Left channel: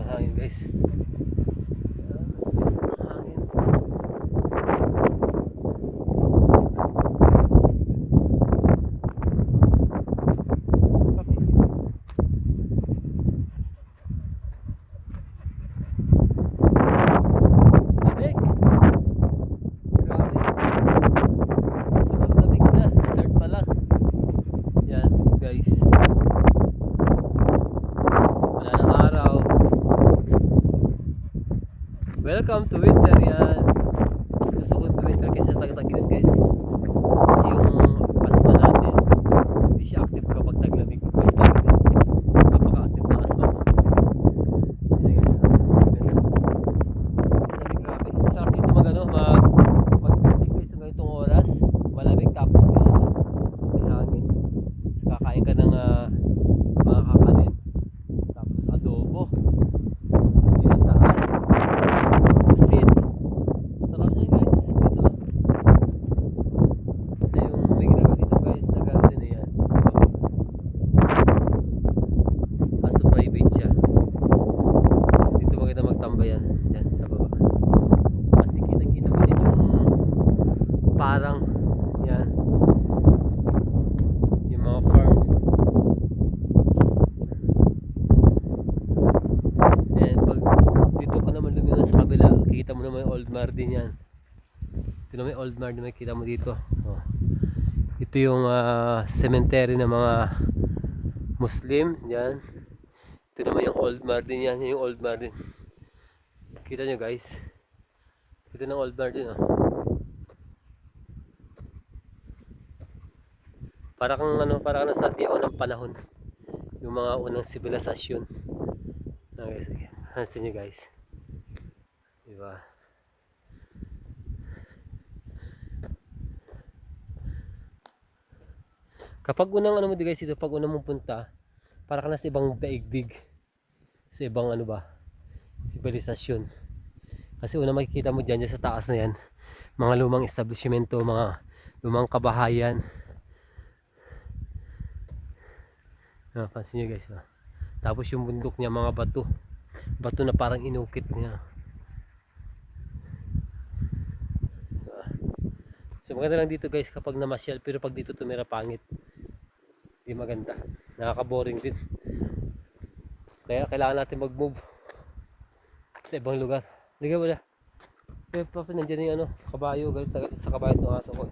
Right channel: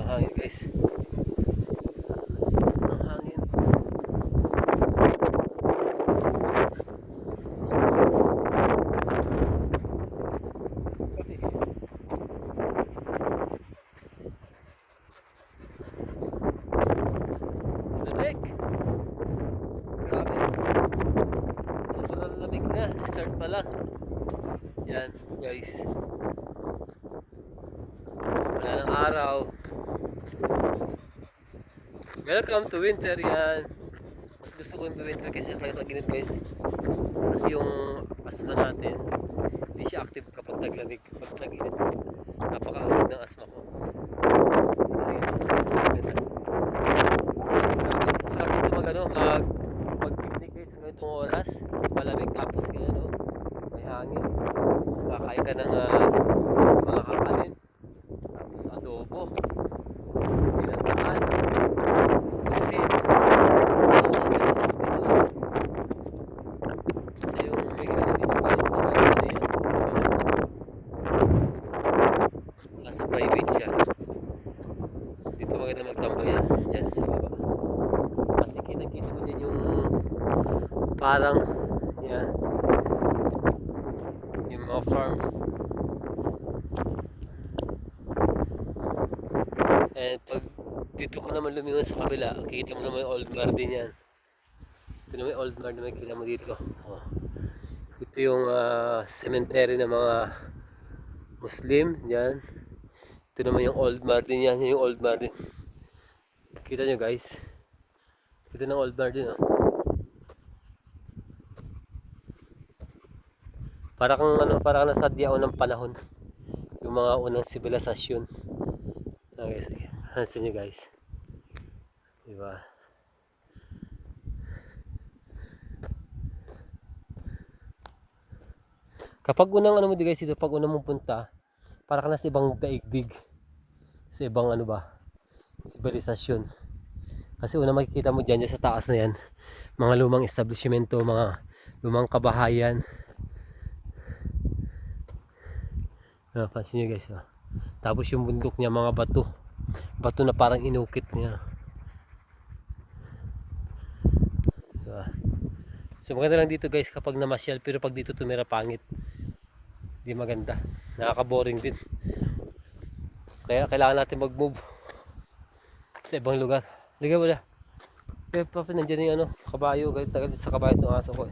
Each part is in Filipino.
Sobrang hangin guys. Sobrang hangin. Lamig. Grabe. Sobrang lamig na. Start pa lang. Yan guys. Wala ng araw. Welcome to winter yan. Mas gusto ko yung winter kasi sa tag-init guys. Kasi yung asthma natin hindi siya active kapag taglamig. Yung tag-init napaka-active ng asthma ko. Ayun guys, ganda. Grabe, sarap dito mag-picnic guys sa ganitong oras. Malamig tapos ganyan may hangin. Tapos kakain ka ng mga kakanin. Tapos adobo. Pinantaan. Pusit. Sarap na guys. Dito. Kasi yung may ginagawa dito guys. Nagagawa na yan. Kaso private siya. Dito maganda magtambay yan. Diyan sa baba. Kasi kita-kita mo dun yung parang yan. Yung mga farms. And pag dito ka naman lumingon sa kabila, kita mo naman yung Old Mar din yan. Ito naman yung Old Mar na makikita mo dito. Oh. Ito yung cemetery ng mga Muslim. Yan. Ito naman yung Old Mar din yan. Yung Old Mar din. Kita nyo guys. Ito ng Old Mar din. Oh. Para kang nasa diao ng panahon. Yung mga unang sibilisasyon. Okay, sige. Hansin nyo guys. Diba? Kapag unang mo di guys dito, pag unang mong punta, para ka na sa ibang daigdig. Sa ibang sibilisasyon. Kasi una makikita mo dyan sa taas na yan, mga lumang establishmento, mga lumang kabahayan. Pansin nyo guys. Tapos yung bundok niya, mga bato. Bato na parang inukit niya. So maganda lang dito guys kapag namasyal, pero pag dito tumira pangit. Hindi maganda. Nakaka-boring din. Kaya kailangan natin mag-move sa ibang lugar. Liga wala. Kaya pa nandiyan yung kabayo, galit sa kabayo itong aso ko.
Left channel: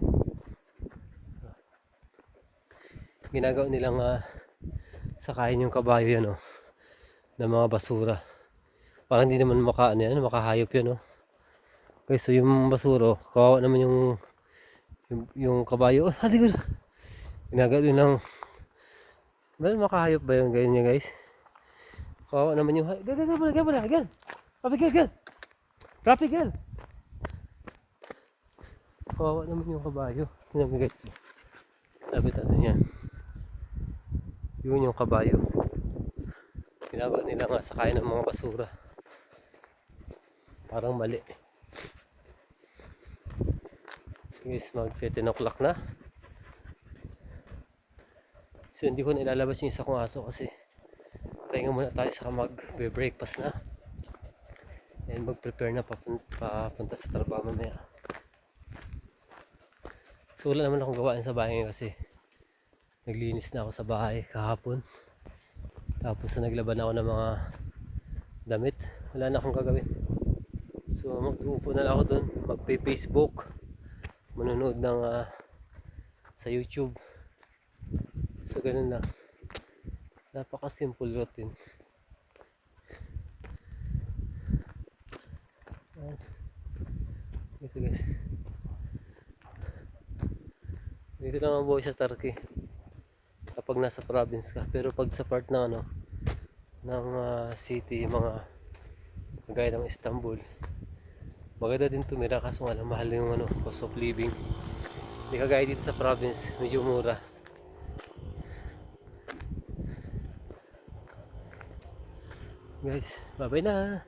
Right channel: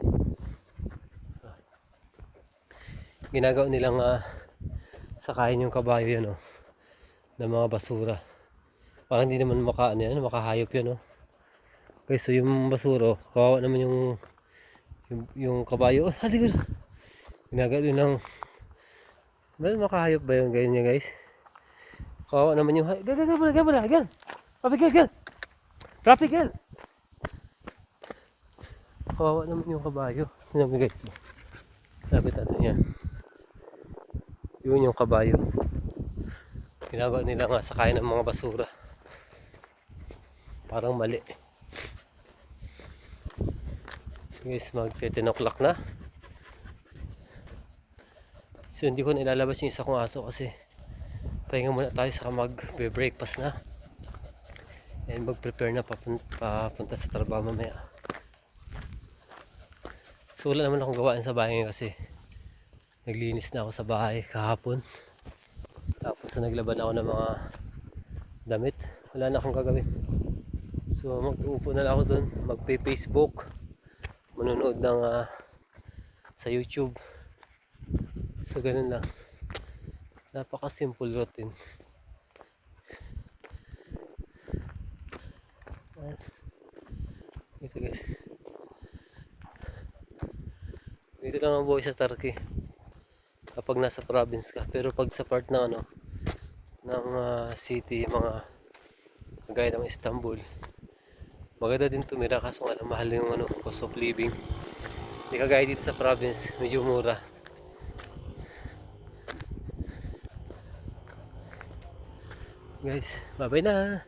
Ginagawa nilang sakayin yung kabayo yan ng mga basura. Parang hindi naman makahayop yan guys. So yung basura, kawawa naman yung kabayo. Halika. Ginagawa din lang. Makahayop ba yung ganyan guys? Kawawa naman yung hayop. Gan. Papigil. Papigil. Kawawa naman yung kabayo. Yun naman guys. Lapit natin yan. Yun yung kabayo. Ginagawa nila nga sakayin ng mga basura. Parang mali. Guys, mag-10 o'clock na. So hindi ko na ilalabas yung isa kong aso kasi pahinga muna tayo saka mag-breakfast na. And mag-prepare na papunta sa trabaho mamaya. So wala naman akong gawain sa bahay ngayon kasi naglinis na ako sa bahay kahapon. Tapos naglaban ako ng mga damit. Wala na akong gagawin. So mag-uupo na lang ako doon, magpe-Facebook, manonood ng sa YouTube. So ganun lang. Napaka-simple routine. Ito guys. Dito lang ang buhay sa Turkey. Kapag nasa province ka. Pero pag sa part ng city, mga kagaya ng Istanbul, maganda din tumira kaso mahal yung cost of living. Hindi kagaya dito sa province, medyo mura. Guys, bye bye na.